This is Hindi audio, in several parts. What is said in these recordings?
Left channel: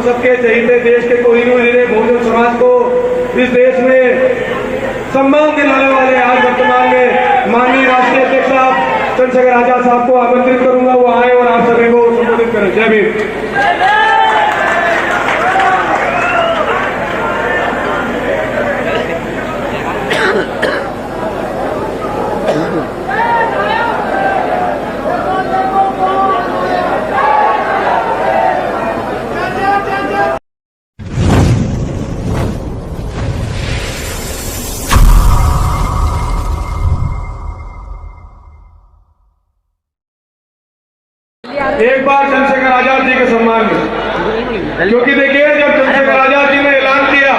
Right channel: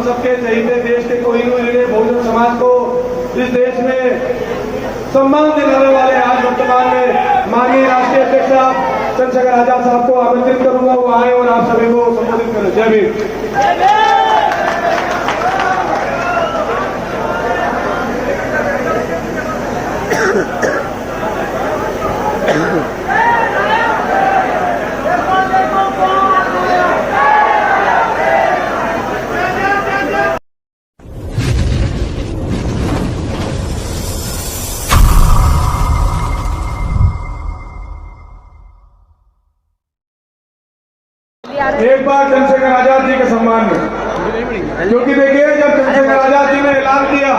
हम सबके चहीते देश के कोहिनूर हीरे बहुजन समाज को इस देश में सम्मान दिलाने वाले आज वर्तमान में माननीय राष्ट्रीय अध्यक्ष साहब चंद्रशेखर आजाद साहब को आमंत्रित करूंगा, वो आए और आप सभी को संबोधित करें। जय भीम। एक बार चंद्रशेखर आजाद जी के सम्मान में, क्योंकि देखिए जब चंद्रशेखर आजाद जी ने ऐलान किया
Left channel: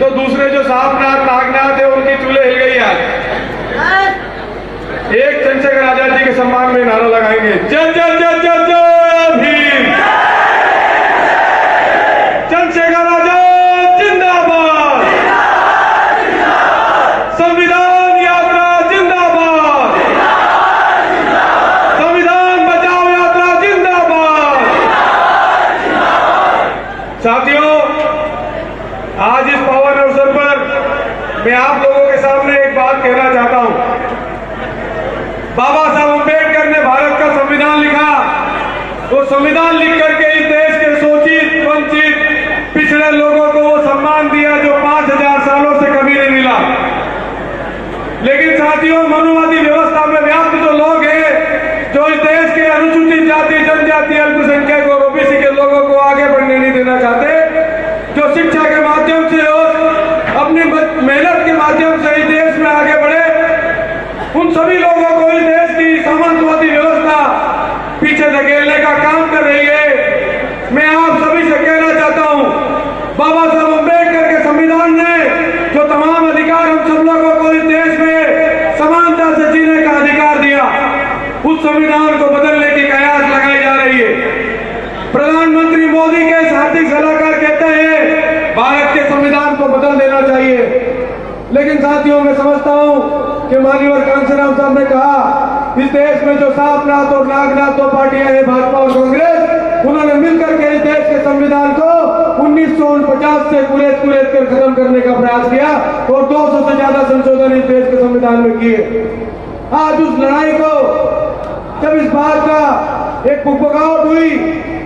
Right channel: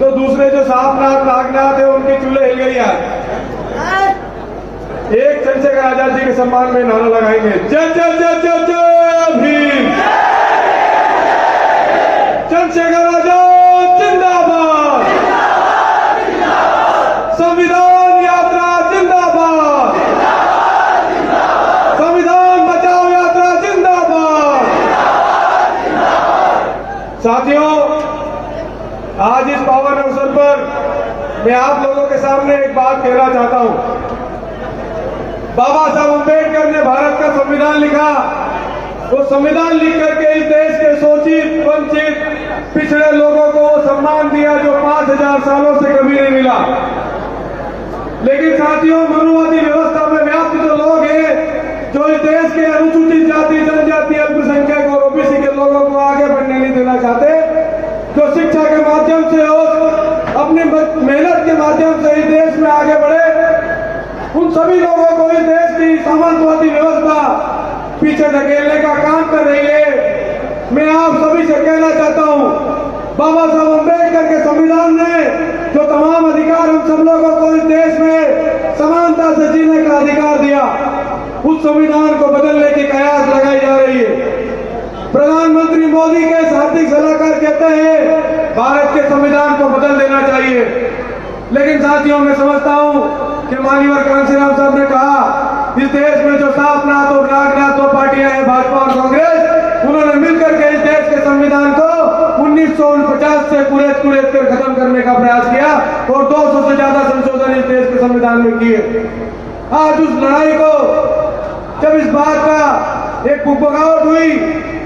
तो दूसरे जो साफनाथ नागनाथ है उनकी चूल्हे हिल गई है। एक चंद्रशेखर आजाद जी के सम्मान में नारा लगाएंगे, जय जय जय जय जय भीम, चंद्रशेखर आजाद जिंदाबाद, संविधान यात्रा जिंदाबाद, संविधान बचाओ यात्रा जिंदाबाद। साथियों, आज इस पावन अवसर पर मैं आप लोगों के सामने एक बात कहना चाहता हूं। बाबा साहब अम्बेडकर ने भारत का संविधान लिखा, वो संविधान लिख करके इस देश के शोषित वंचित पिछड़े लोगों को वो सम्मान दिया जो 5000 सालों से कभी नहीं मिला। लेकिन साथियों, मनुवादी व्यवस्था में व्याप्त जो लोग हैं, जो इस देश के अनुसूचित जाति जनजाति अल्पसंख्यक और ओबीसी के लोगों को आगे बढ़ने नहीं देना चाहते, जो शिक्षा के माध्यम से और अपनी मेहनत के माध्यम से इस देश में आगे बढ़े, उन सभी लोगों को इस देश की सामंतवादी व्यवस्था पीछे धकेलने का काम कर रही है। मैं आप सभी से कहना चाहता हूं, बाबा साहब अम्बेडकर के संविधान ने जो तमाम अधिकार हम सब लोगों को इस देश में समानता से जीने का अधिकार दिया, उस संविधान को बदलने की कयास लगाई जा रही है। प्रधानमंत्री मोदी के हार्दिक सलाहकार कहते हैं भारत के संविधान को बदल देना चाहिए, लेकिन साथियों मैं समझता हूं कि माननीय कांशीराम साहब ने कहा इस देश में जो साफनाथ और नागनाथ दो पार्टियां हैं, भाजपा और कांग्रेस, उन्होंने मिलकर के इस देश के संविधान को 1949 से कुरेद कर खत्म करने का प्रयास किया और 200 से ज्यादा संशोधन इस देश के संविधान में किए। आज उस लड़ाई को जब इस बात का एक पुकारवट हुई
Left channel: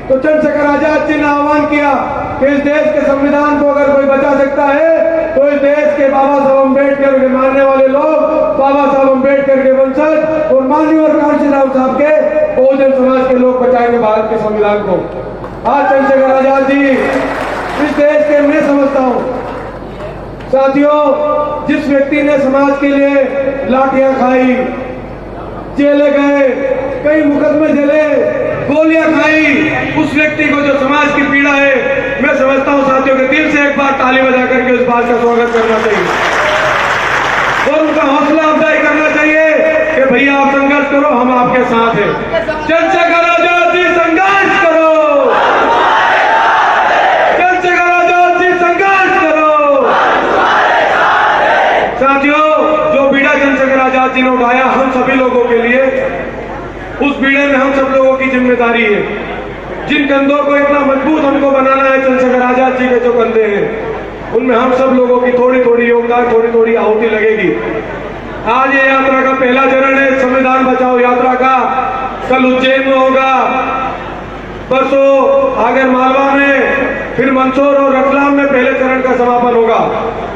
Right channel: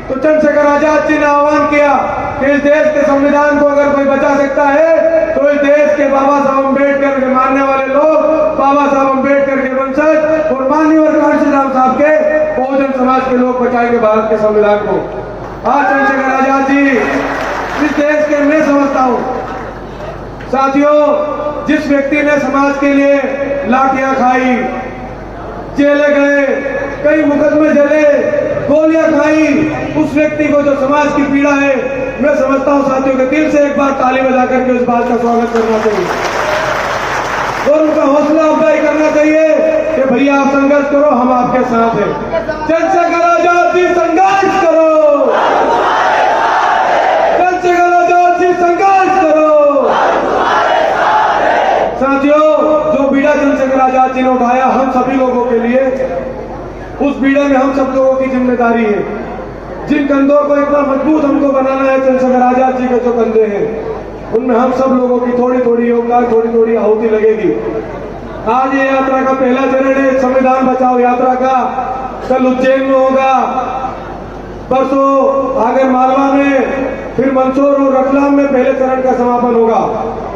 तो चंद्रशेखर आजाद जी ने आह्वान किया कि इस देश के संविधान को अगर कोई बचा सकता है तो इस देश के बाबा साहब अम्बेडकर के मानने वाले लोग, बाबा साहब अम्बेडकर के वंशज और माननीय कांशीराम साहब के बहुजन समाज के लोग बचाएंगे भारत के संविधान को। आज चंद्रशेखर आजाद जी इस देश के, मैं समझता हूं साथियों, जिस व्यक्ति ने समाज के लिए लाठियां खाई, जेले गए, कई मुकदमे जले, गोलियां खाई, उस व्यक्ति को जो समाज की पीड़ा है, मैं समझता हूं साथियों के दिल से एक बार ताली बजा करके उस बात का स्वागत करना चाहिए और उनका हौसला अफजाई करना चाहिए कि भैया आप संघर्ष करो, हम आपके साथ हैं। चंद्रशेखर आजाद जी संघर्ष करो, चंद्रशेखर आजाद जी संघर्ष करो। साथियों, जो बीड़ा चंद्रशेखर आजाद जी ने उठाया हम सभी लोगों के लिए, उस बीड़े में हम सब लोगों की जिम्मेदारी है। जिन कंधों को इतना मजबूत हमको बनाना है, चंद्रशेखर आजाद जी के जो कंधे हैं, उनमें हम सब लोगों की थोड़ी थोड़ी योगदान, थोड़ी थोड़ी आहुति लगेगी। आज ये यात्रा का पहला चरण है संविधान बचाओ यात्रा का, कल उज्जैन में होगा, परसों आगर मालवा में, फिर मंदसौर और रतलाम में पहले चरण का समापन होगा।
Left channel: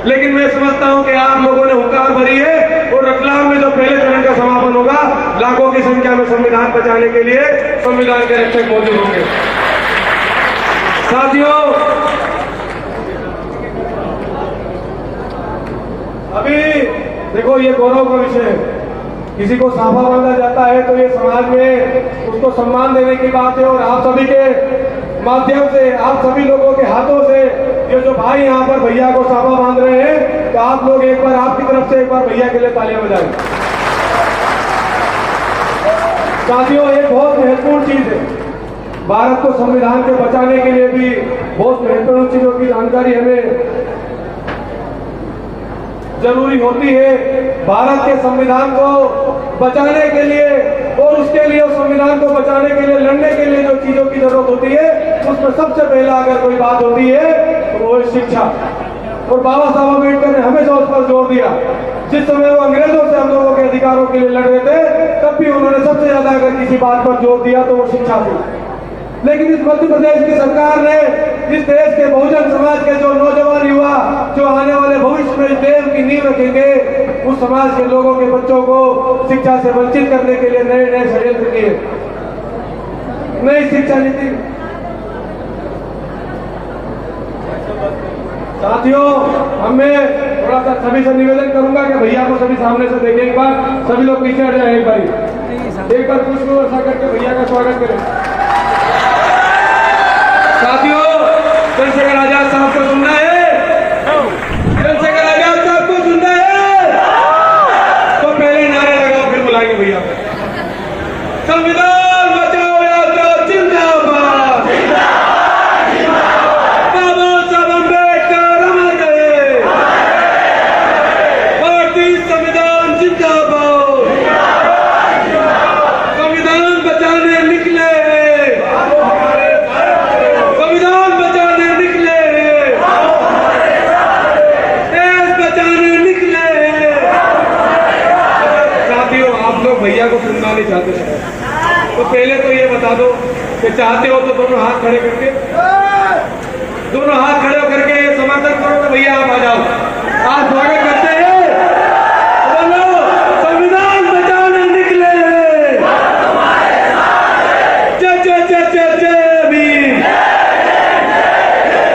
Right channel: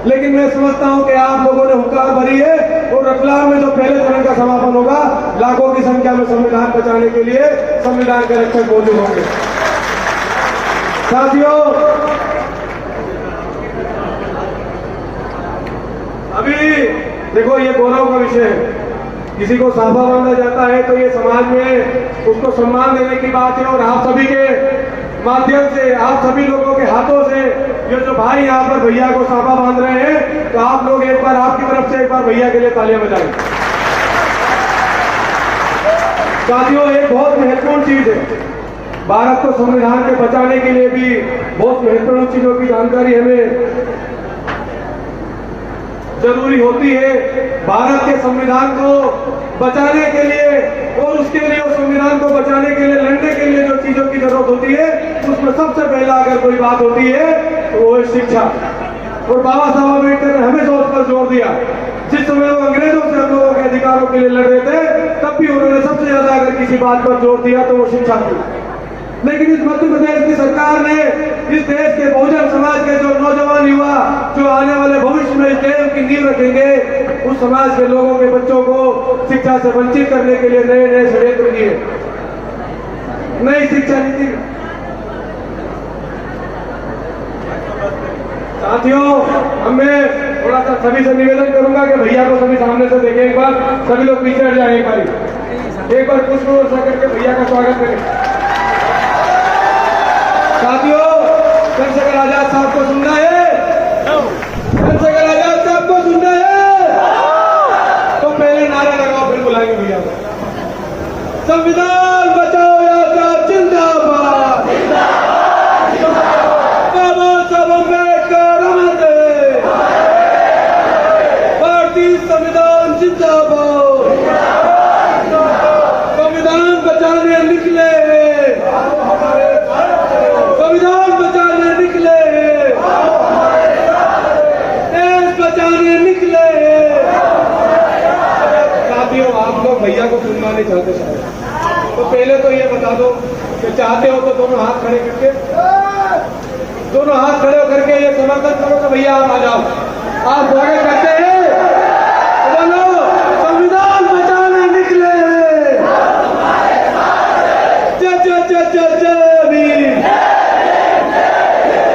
लेकिन मैं समझता हूं कि आप लोगों ने हुंकार भरी है और रतलाम में जो पहले चरण का समापन होगा, लाखों की संख्या में संविधान बचाने के लिए संविधान के रक्षक मौजूद होंगे। साथियों, अभी देखो ये गौरव का विषय है, किसी को साफा बांधा जाता है तो ये समाज में उसको सम्मान देने की बात है। और आप सभी के माध्यम से, आप सभी लोगों के हाथों से ये जो भाई यहाँ पर भैया को साफा बांध रहे हैं, तो आप लोग एक बार आपकी तरफ से एक बार भैया के लिए तालियां बजाएं। साथियों, एक बहुत महत्वपूर्ण चीज है, भारत को संविधान के बचाने के लिए भी बहुत महत्वपूर्ण चीजों की जानकारी हमें जरूरी होती है। भारत के संविधान को बचाने के लिए और उसके लिए, उस संविधान को बचाने के लिए, लड़ने के लिए जो चीजों की जरूरत होती है, उसमें पर सबसे पहला अगर कोई बात होती है तो वो है शिक्षा। और बाबा साहब अम्बेडकर ने हमेशा उस पर जोर दिया। जिस समय वो अंग्रेजों से हम लोगों के अधिकारों के लिए लड़ रहे थे, तब भी उन्होंने सबसे ज्यादा अगर किसी बात पर जोर दिया तो वो शिक्षा थी। लेकिन इस मध्य प्रदेश की सरकार ने इस देश के बहुजन समाज के जो नौजवान युवा जो आने वाले भविष्य में इस देश की नींव रखेंगे, उस समाज के लोगों के बच्चों को शिक्षा से वंचित करने के लिए नए नए षड्यंत्र किए। नई शिक्षा नीति। साथियों, हमें थोड़ा सा सभी से निवेदन करूंगा कि भैया को सभी सामने से देखें एक बार, सभी लोग पीछे हट जाए एक बार पुष्प वर्षा करके भैया का स्वागत करें। साथियों, चंद्रशेखर आजाद साहब को सुनना है? चंद्रशेखर आजाद साहब को सुनना है? तो पहले नारा लगाओ, फिर बुलाएंगे भैया को। संविधान बचाओ या जाओ जिंदाबाद, बाबा साहब अम्बेडकर अमर रहे, भारतीय संविधान जिंदाबाद, संविधान बचाने निकले, संविधान बचाने निकले, देश बचाने निकले। साथियों, आप लोग भैया को सुनना नहीं चाहते तो पहले तो ये बता दो कि चाहते हो तो दोनों हाथ खड़े करके ये समर्थन करो कि भैया आप आ जाओ।